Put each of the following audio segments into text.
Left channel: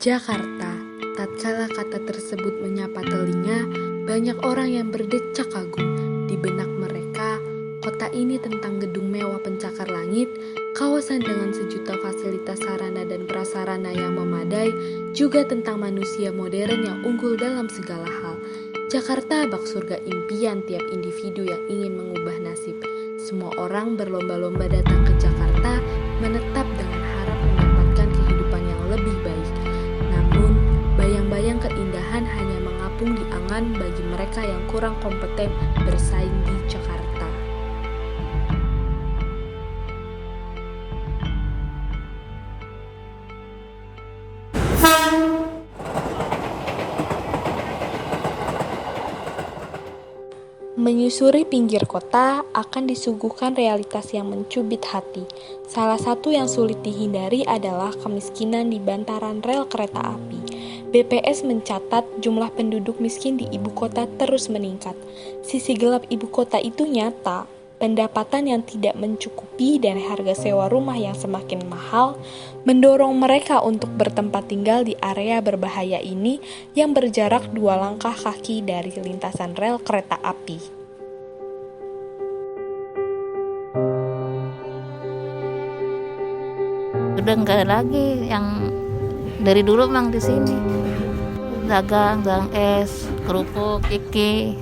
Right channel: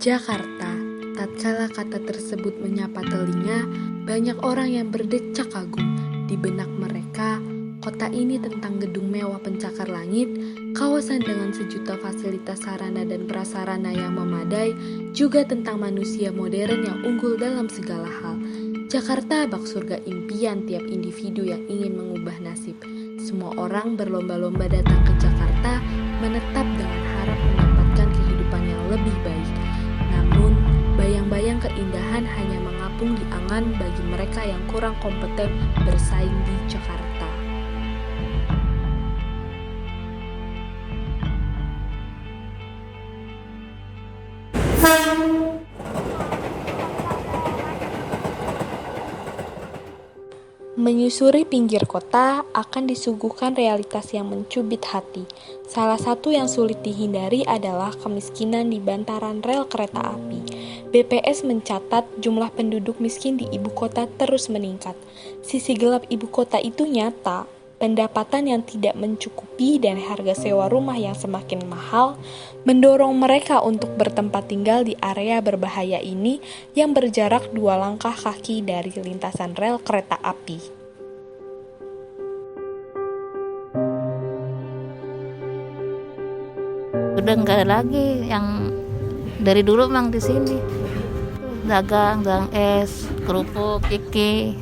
Jakarta. Tatkala kata tersebut menyapa telinga, banyak orang yang berdecak kagum. Di benak mereka, kota ini tentang gedung mewah pencakar langit, kawasan dengan sejuta fasilitas sarana dan prasarana yang memadai, juga tentang manusia modern yang unggul dalam segala hal. Jakarta bak surga impian tiap individu yang ingin mengubah nasib. Semua orang berlomba-lomba datang ke Jakarta, menetap dengan harap mendapatkan kehidupan yang lebih baik. Namun, bayang-bayang keindahan hanya mengapung di angan bagi mereka yang kurang kompeten bersaing di Jakarta. Menyusuri pinggir kota akan disuguhkan realitas yang mencubit hati. Salah satu yang sulit dihindari adalah kemiskinan di bantaran rel kereta api. BPS mencatat jumlah penduduk miskin di ibu kota terus meningkat. Sisi gelap ibu kota itu nyata. Pendapatan yang tidak mencukupi dan harga sewa rumah yang semakin mahal mendorong mereka untuk bertempat tinggal di area berbahaya ini yang berjarak 2 langkah kaki dari lintasan rel kereta api. Udah nggak lagi yang dari dulu memang di sini dagang es, kerupuk, iki.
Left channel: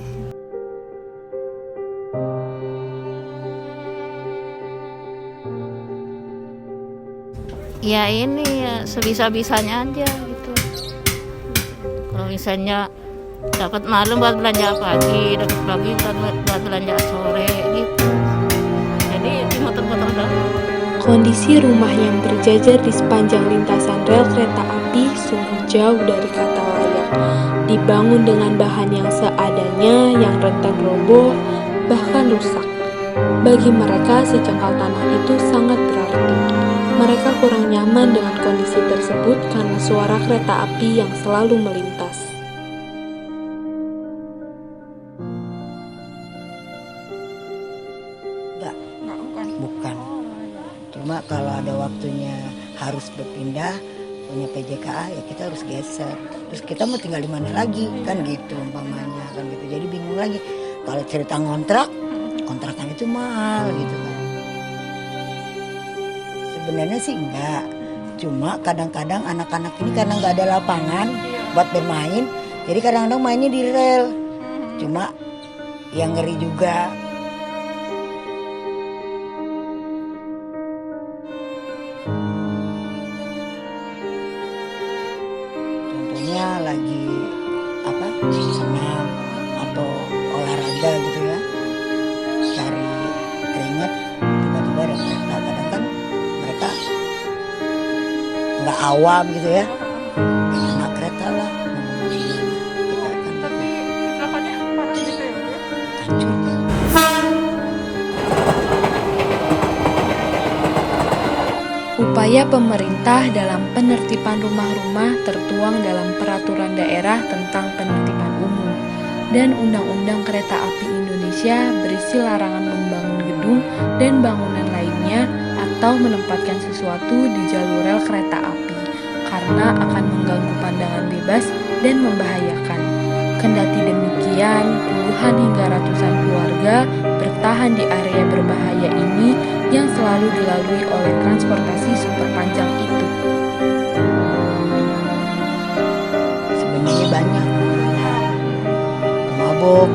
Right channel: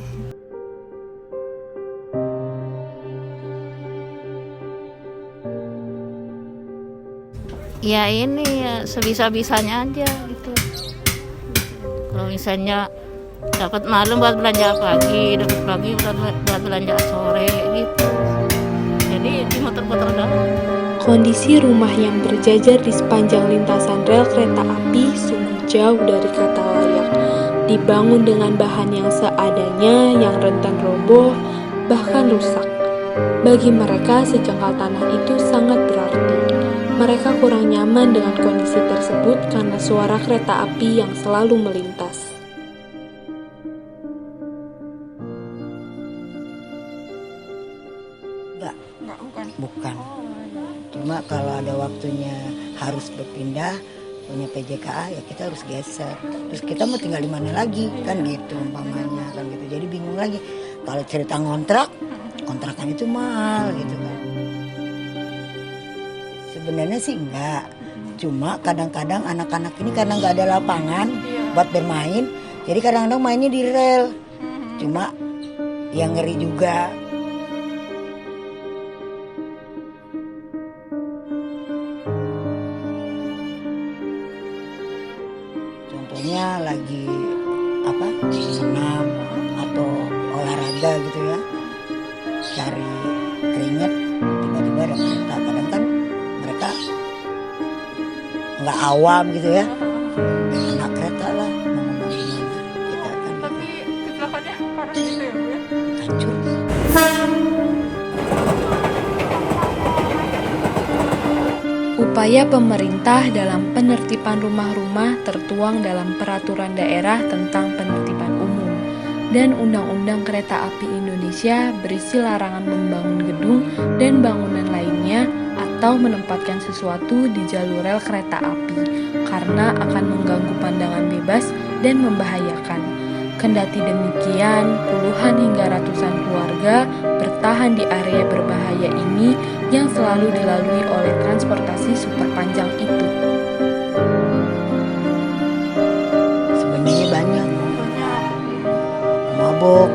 Ya ini ya sebisa-bisanya aja gitu. Kalau misalnya dapat malam buat belanja pagi, dapat pagi buat belanja sore gitu. Jadi dimuter-muter doang. Kondisi rumah yang berjajar di sepanjang lintasan rel kereta api sungguh jauh dari kata layak. Dibangun dengan bahan yang seadanya, yang rentan roboh, bahkan rusak. Bagi mereka, sejengkal tanah itu sangat berarti. Mereka kurang nyaman dengan kondisi tersebut karena suara kereta api yang selalu melintas. Bukan. Cuma kalau ada waktunya harus berpindah punya PJKA ya kita harus geser. Terus kita mau tinggal di mana lagi kan gitu umpamanya kan gitu. Jadi bingung lagi. Kalau cerita kontrakan itu mahal gitu kan. Sebenarnya sih enggak. Cuma kadang-kadang anak-anak ini karena nggak ada lapangan buat bermain, jadi kadang-kadang mainnya di rel. Cuma yang ngeri juga. Contohnya lagi senam atau olahraga gitu ya, cari keringet, tiba-tiba ada kereta. Kadang kan mereka nggak awam gitu ya, kena kereta lah, mau ngomong gimana kita kan. Tapi kecelakaannya parah gitu ya Bu ya? Hancur. Upaya pemerintah dalam penertiban rumah-rumah tertuang dalam Peraturan Daerah tentang Penertiban Umum dan Undang-Undang Kereta Api Indonesia berisi larangan membangun gedung dan bangunan lainnya atau menempatkan sesuatu di jalur rel kereta api karena akan mengganggu pandangan bebas dan membahayakan. Kendati demikian, puluhan hingga ratusan keluarga bertahan di area berbahaya ini yang selalu dilalui oleh transportasi super panjang itu. Sebenarnya banyak mabok,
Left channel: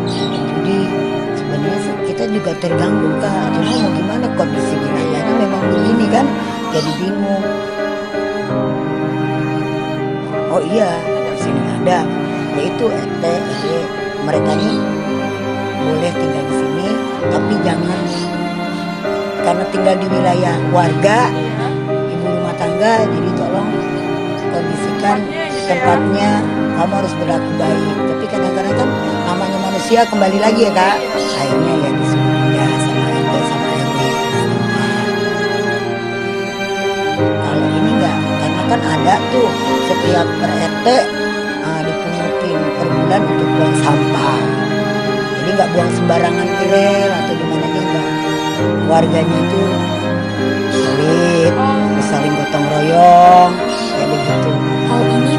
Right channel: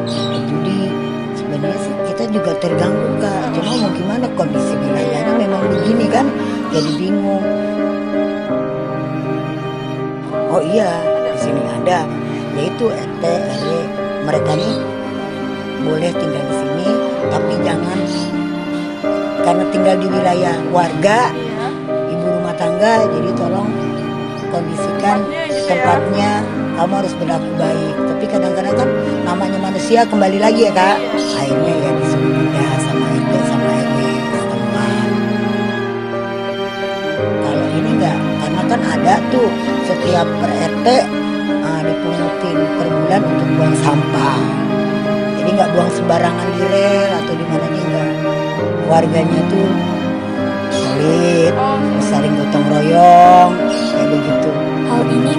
judi. Sebenarnya sih kita juga terganggu Kak. Cuma mau gimana, kondisi wilayahnya memang begini kan, jadi bingung. Oh iya, di sini ada, yaitu RT, RW. Mereka nih boleh tinggal di sini, tapi jangan karena tinggal di wilayah warga, ibu rumah tangga, jadi tolong kondisikan tempatnya, kamu harus berlaku baik. Tapi kadang-kadang kan namanya manusia, kembali lagi ya Kak, akhirnya ya disuruh pindah sama RT sama RW setempat. Kalau ini enggak, karena kan ada tuh setiap per RT dipungutin per bulan untuk buang sampah. Jadi nggak buang sembarangan di rel atau di mana enggak. Warganya tuh solid, saling gotong royong, kayak begitu. Hal ini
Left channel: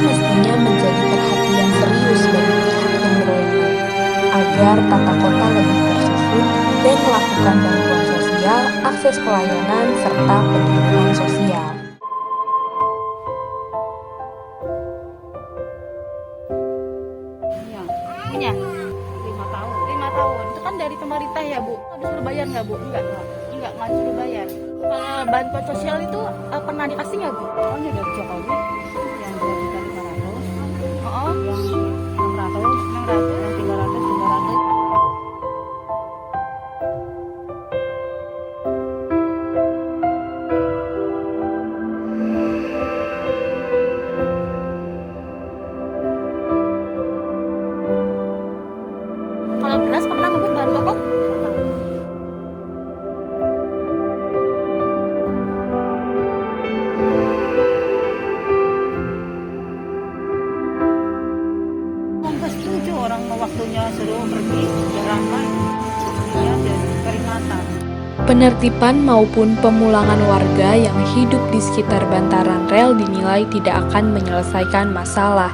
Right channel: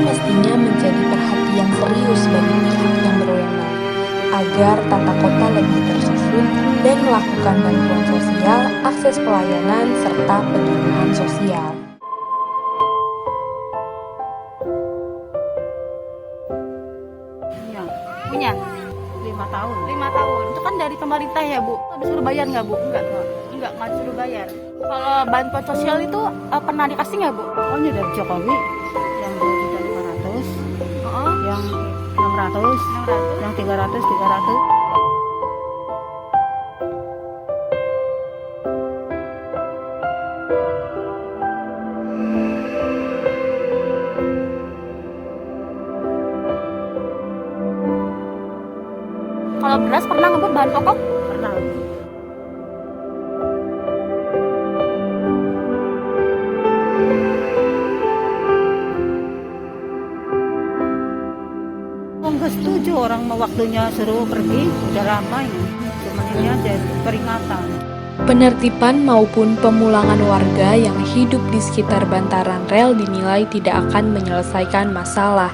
agar tata kota lebih tersusun dan melakukan bantuan sosial, akses pelayanan, serta penyuluhan sosial. Punya 5 tahun. 5 tahun. Itu kan dari pemerintah ya, Bu? Disuruh bayar nggak, Bu? Enggak disuruh bayar. Kalau bantuan sosial itu pernah dikasih nggak, Bu? Oh, ini dari Jokowi yang 2.500.000, Oh, yang 600, yang 300. kalau beras pernah nggak, Bu, bahan pokok? Pernah. Nggak setuju orang mau waktunya suruh pergi, udah ramai. Sebenarnya biar peringatan. Penertiban maupun pemulangan warga yang hidup di sekitar bantaran rel dinilai tidak akan menyelesaikan masalah.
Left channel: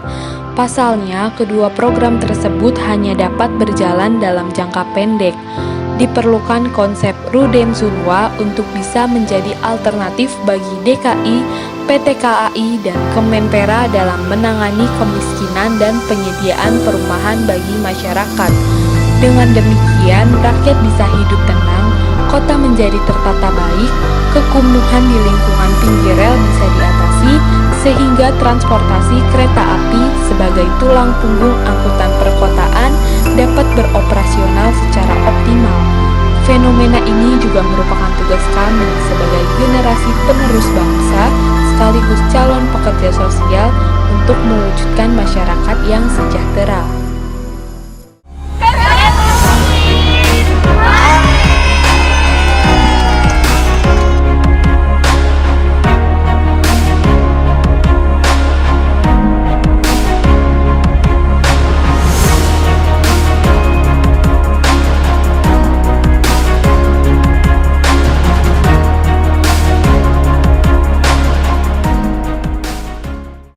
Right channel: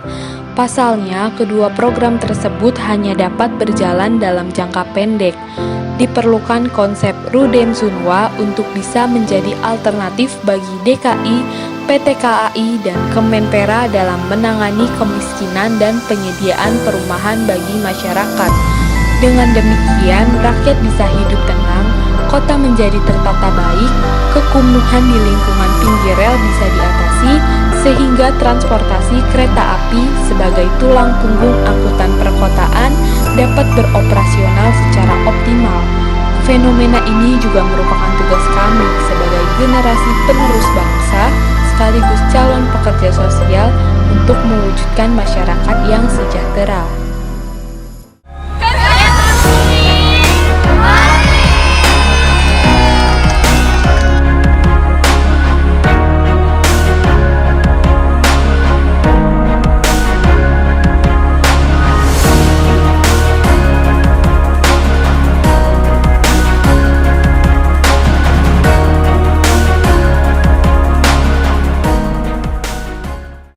Pasalnya, kedua program tersebut hanya dapat berjalan dalam jangka pendek. Diperlukan konsep Rudem Sunwa untuk bisa menjadi alternatif bagi DKI, PT KAI, dan Kemenpera dalam menangani kemiskinan dan penyediaan perumahan bagi masyarakat. Dengan demikian, rakyat bisa hidup tenang, kota menjadi tertata baik, kekumuhan di lingkungan pinggir rel bisa diatasi, sehingga transportasi kereta api sebagai tulang punggung angkutan perkotaan dapat beroperasional secara optimal. Fenomena ini juga merupakan tugas kami sebagai generasi penerus bangsa sekaligus calon pekerja sosial untuk mewujudkan masyarakat yang sejahtera.